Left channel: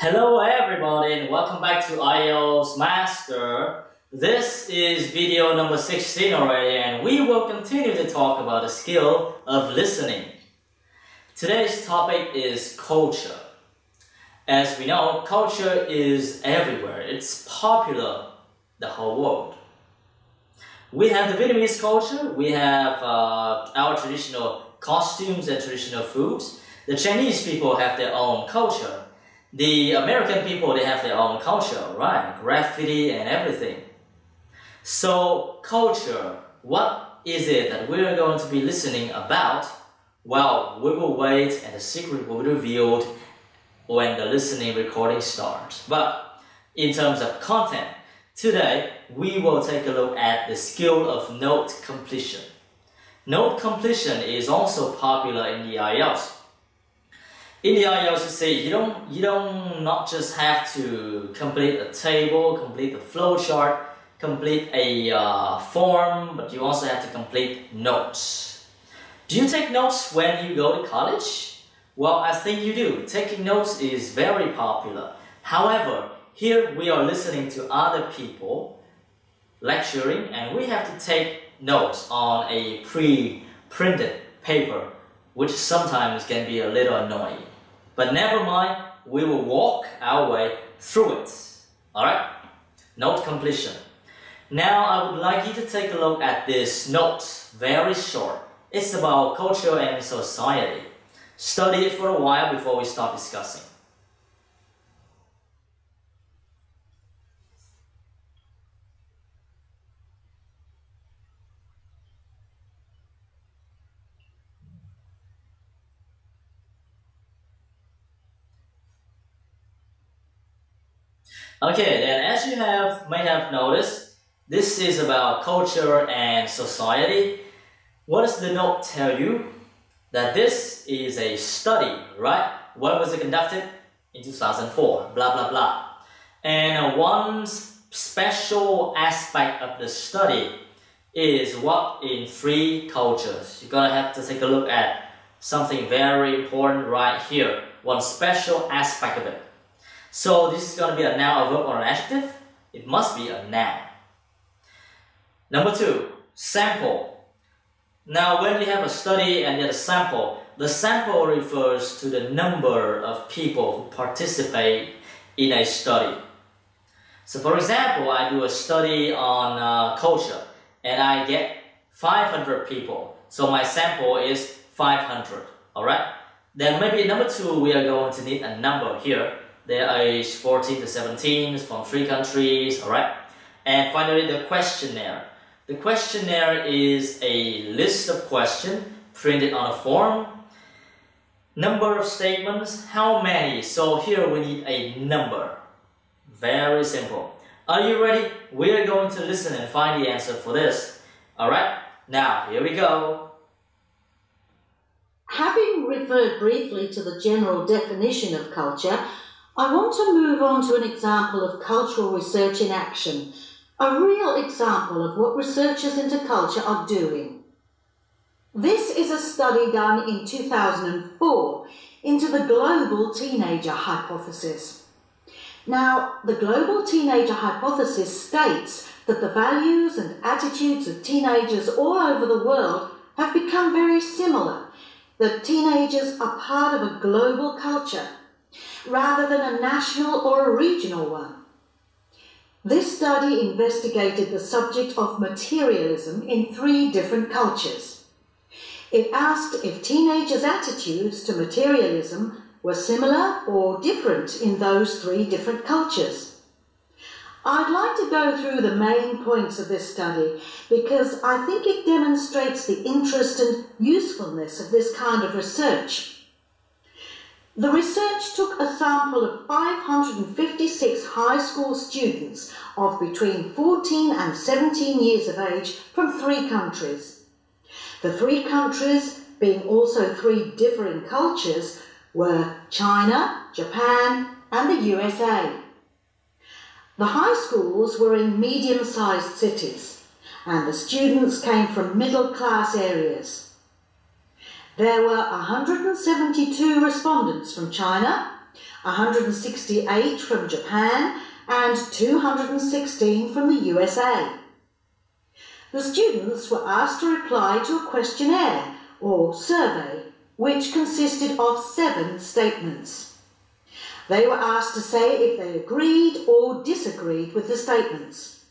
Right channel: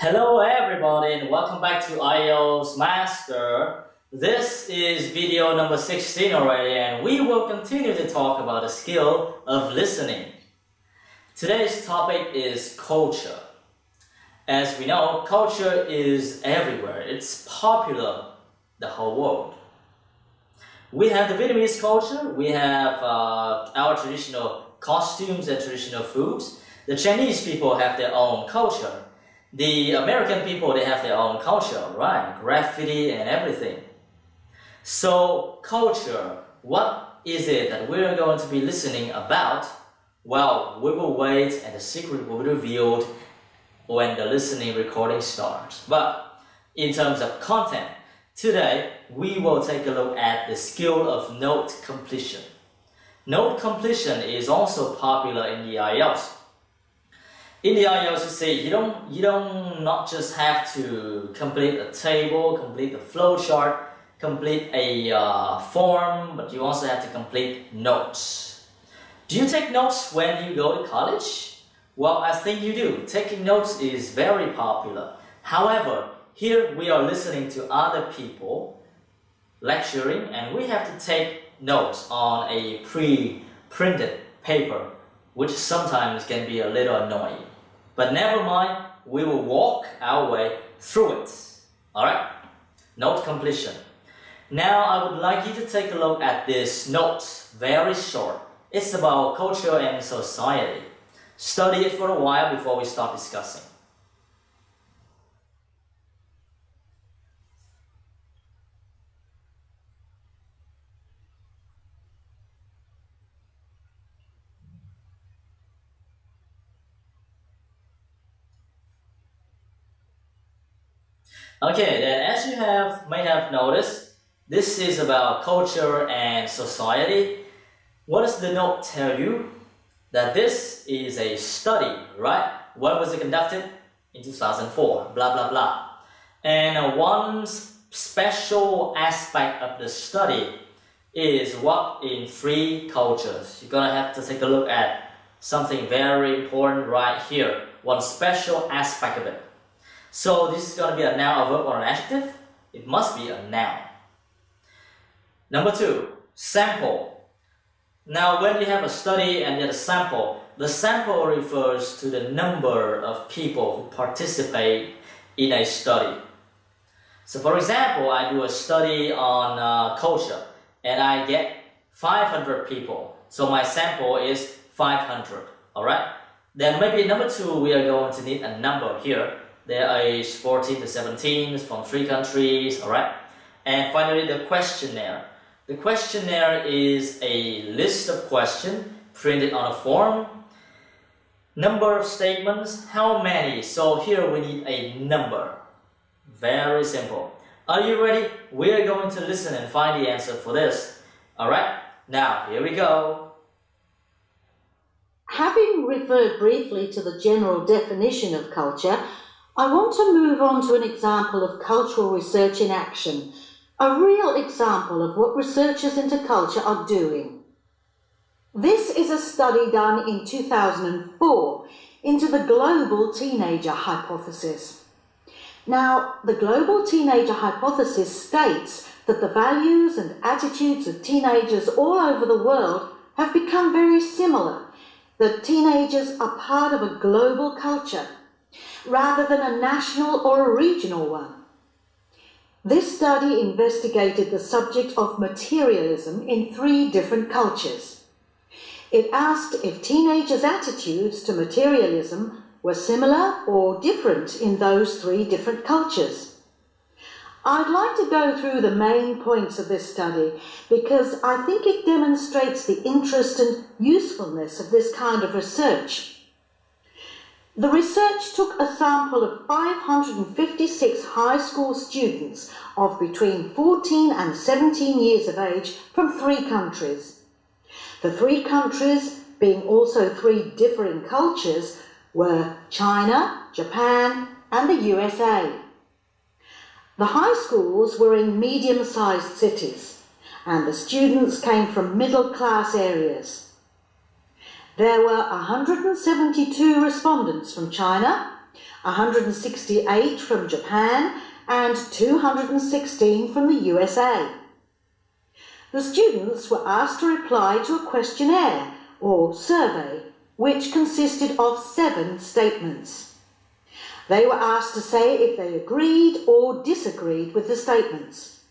Hello everybody and welcome back to IELTS Master. This is video number 16 already and we will continue to talk about the skill of listening. Today's topic is culture. As we know, culture is everywhere. It's popular the whole world. We have the Vietnamese culture, we have our traditional costumes and traditional foods. The Chinese people have their own culture. The American people, they have their own culture, right? Graffiti and everything. So, culture, what is it that we're going to be listening about? Well, we will wait and the secret will be revealed when the listening recording starts. But in terms of content, today we will take a look at the skill of note completion. Note completion is also popular in the IELTS. In the IELTS, you see, you don't not just have to complete a table, complete a flowchart, complete a form, but you also have to complete notes. Do you take notes when you go to college? Well, I think you do. Taking notes is very popular. However, here we are listening to other people lecturing, and we have to take notes on a pre-printed paper, which sometimes can be a little annoying. But never mind, we will walk our way through it. Alright? Note completion. Now I would like you to take a look at this note. Very short. It's about culture and society. Study it for a while before we start discussing. Okay, then as you may have noticed, this is about culture and society. What does the note tell you? That this is a study, right? When was it conducted? In 2004, blah, blah, blah. And one special aspect of the study is what in three cultures. You're gonna have to take a look at something very important right here. One special aspect of it. So this is going to be a noun, a verb, or an adjective. It must be a noun. Number two, sample. Now when you have a study and you have a sample, the sample refers to the number of people who participate in a study. So for example, I do a study on culture and I get 500 people. So my sample is 500, alright? Then maybe number two, we are going to need a number here. They're aged 14 to 17 from 3 countries, alright? And finally, the questionnaire. The questionnaire is a list of questions printed on a form. Number of statements, how many? So here we need a number. Very simple. Are you ready? We are going to listen and find the answer for this. Alright, now here we go. Having referred briefly to the general definition of culture, I want to move on to an example of cultural research in action, a real example of what researchers into culture are doing. This is a study done in 2004 into the global teenager hypothesis. Now, the global teenager hypothesis states that the values and attitudes of teenagers all over the world have become very similar, that teenagers are part of a global culture, rather than a national or a regional one. This study investigated the subject of materialism in 3 different cultures. It asked if teenagers' attitudes to materialism were similar or different in those 3 different cultures. I'd like to go through the main points of this study because I think it demonstrates the interest and usefulness of this kind of research. The research took a sample of 556 high school students of between 14 and 17 years of age from 3 countries. The 3 countries, being also 3 differing cultures, were China, Japan, and the USA. The high schools were in medium-sized cities, and the students came from middle-class areas. There were 172 respondents from China, 168 from Japan, and 216 from the USA. The students were asked to reply to a questionnaire or survey, which consisted of 7 statements. They were asked to say if they agreed or disagreed with the statements.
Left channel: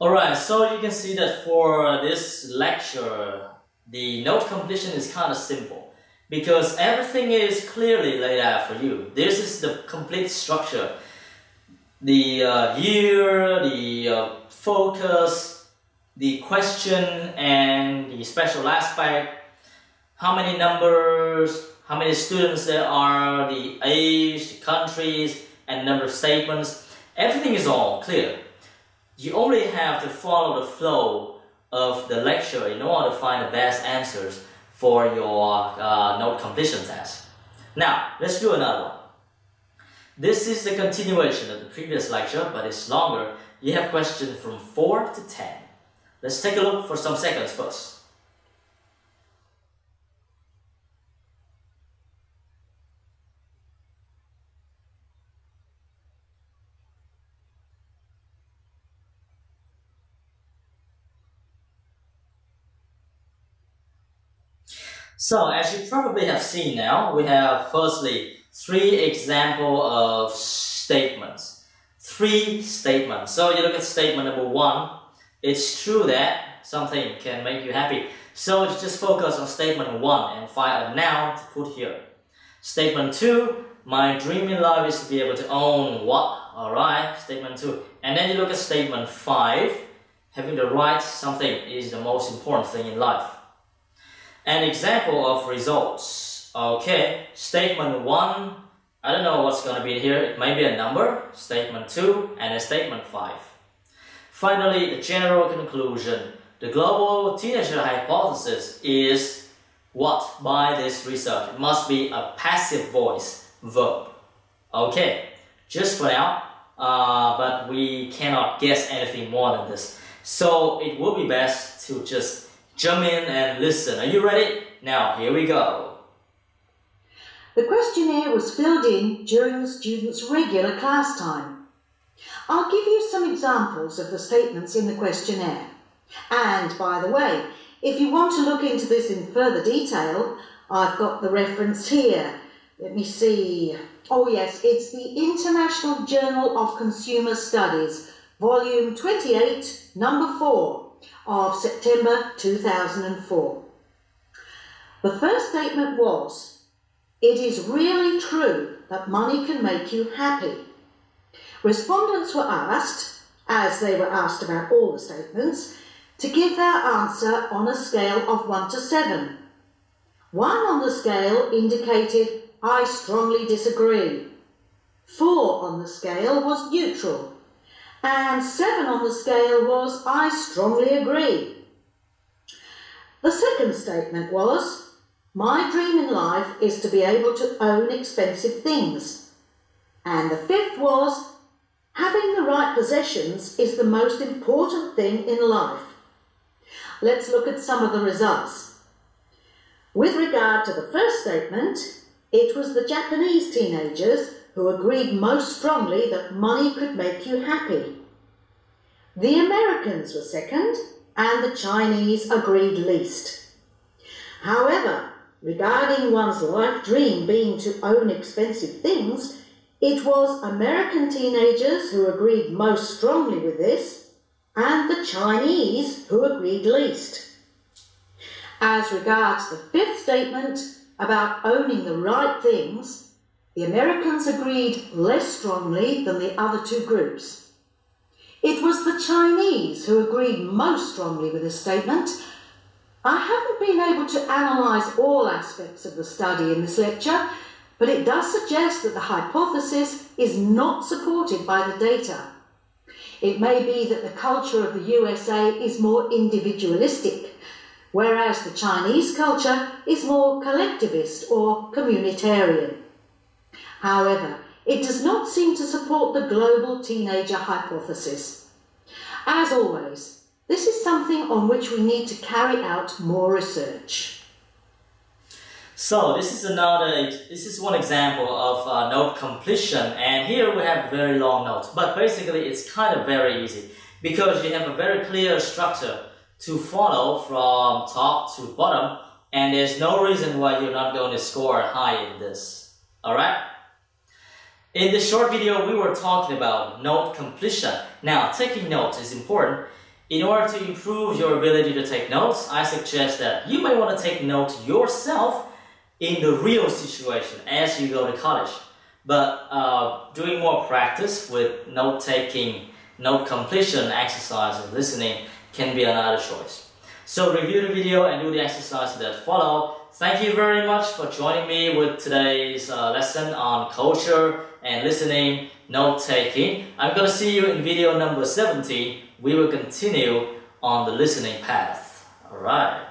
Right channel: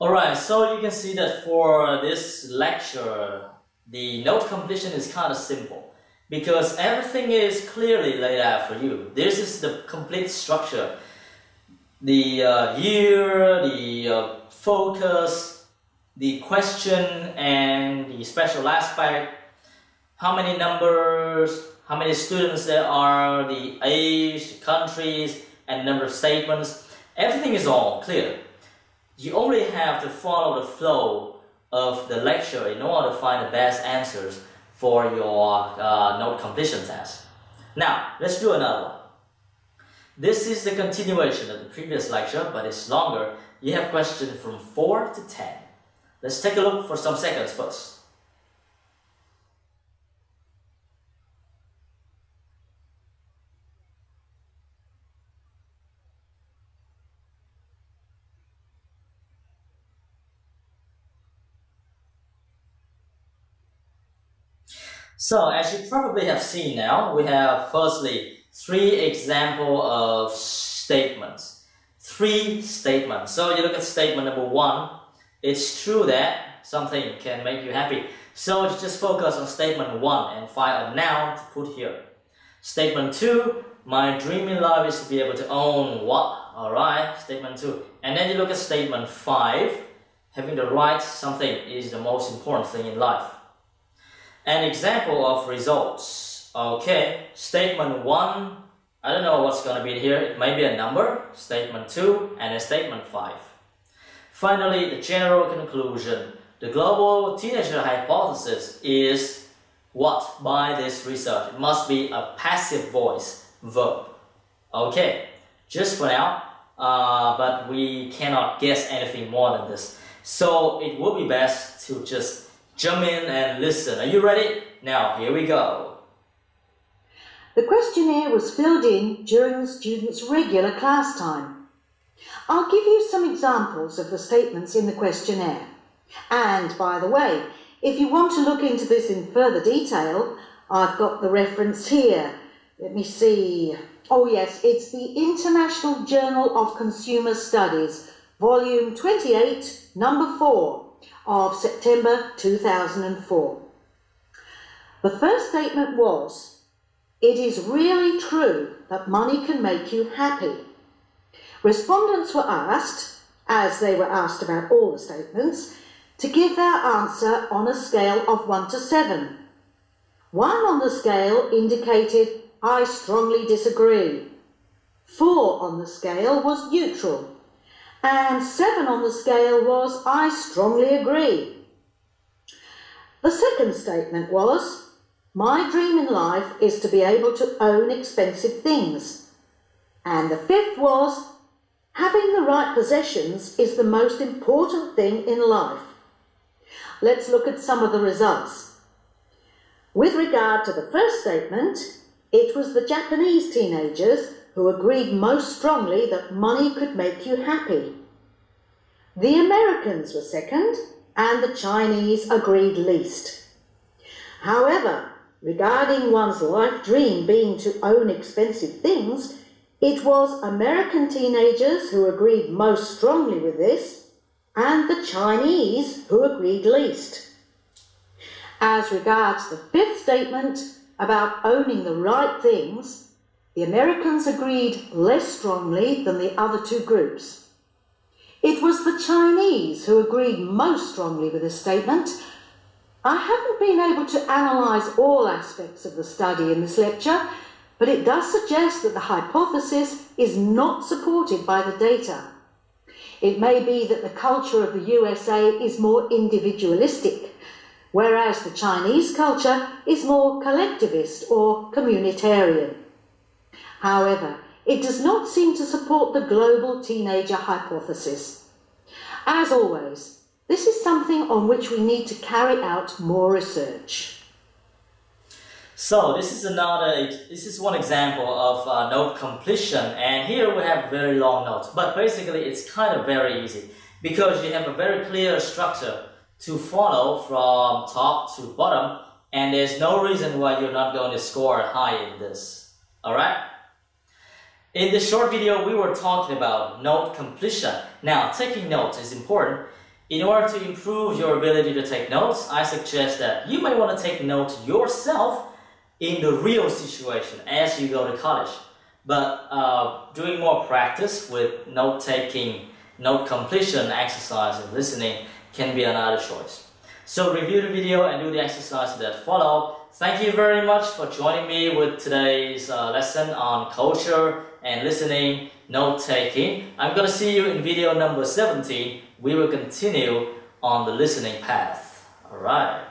Alright, so you can see that for this lecture, the note completion is kind of simple because everything is clearly laid out for you. This is the complete structure. The year, the focus, the question, and the special aspect, how many numbers, how many students there are, the age, the countries, and number of statements. Everything is all clear. You only have to follow the flow of the lecture in order to find the best answers for your note completion test. Now, let's do another one. This is the continuation of the previous lecture, but it's longer. You have questions from 4 to 10. Let's take a look for some seconds first. So, as you probably have seen now, we have firstly 3 examples of statements. 3 statements. So you look at statement number 1. It's true that something can make you happy. So just focus on statement 1 and find a noun to put here. Statement 2. My dream in life is to be able to own what? Alright, statement 2. And then you look at statement 5. Having the right something is the most important thing in life. An example of results. Okay, statement 1, I don't know what's going to be here. It may be a number. Statement 2 and a statement 5. Finally, the general conclusion. The global teenager hypothesis is what by this research? It must be a passive voice verb. Okay, just for now, but we cannot guess anything more than this. So it would be best to just jump in and listen. Are you ready? Now, here we go. The questionnaire was filled in during the students' regular class time. I'll give you some examples of the statements in the questionnaire. And, by the way, if you want to look into this in further detail, I've got the reference here. Let me see. Oh yes, it's the International Journal of Consumer Studies, Volume 28, Number 4. Of September 2004. The first statement was, it is really true that money can make you happy. Respondents were asked, as they were asked about all the statements, to give their answer on a scale of 1 to 7. 1 on the scale indicated, I strongly disagree. 4 on the scale was neutral. And 7 on the scale was, I strongly agree. The second statement was, my dream in life is to be able to own expensive things. And the 5th was, having the right possessions is the most important thing in life. Let's look at some of the results. With regard to the first statement, it was the Japanese teenagers who agreed most strongly that money could make you happy. The Americans were second, and the Chinese agreed least. However, regarding one's life dream being to own expensive things, it was American teenagers who agreed most strongly with this, and the Chinese who agreed least. As regards the 5th statement about owning the right things, the Americans agreed less strongly than the other 2 groups. It was the Chinese who agreed most strongly with this statement. I haven't been able to analyse all aspects of the study in this lecture, but it does suggest that the hypothesis is not supported by the data. It may be that the culture of the USA is more individualistic, whereas the Chinese culture is more collectivist or communitarian. However, it does not seem to support the global teenager hypothesis. As always, this is something on which we need to carry out more research. So this is one example of note completion, and here we have very long notes, but basically it's kind of very easy because you have a very clear structure to follow from top to bottom, and there's no reason why you're not going to score high in this. Alright? In this short video, we were talking about note completion. Now, taking notes is important. In order to improve your ability to take notes, I suggest that you may want to take notes yourself in the real situation as you go to college. But doing more practice with note-taking, note completion exercise and listening can be another choice. So review the video and do the exercises that follow. Thank you very much for joining me with today's lesson on culture and listening, note-taking. I'm going to see you in video number 17. We will continue on the listening path. Alright.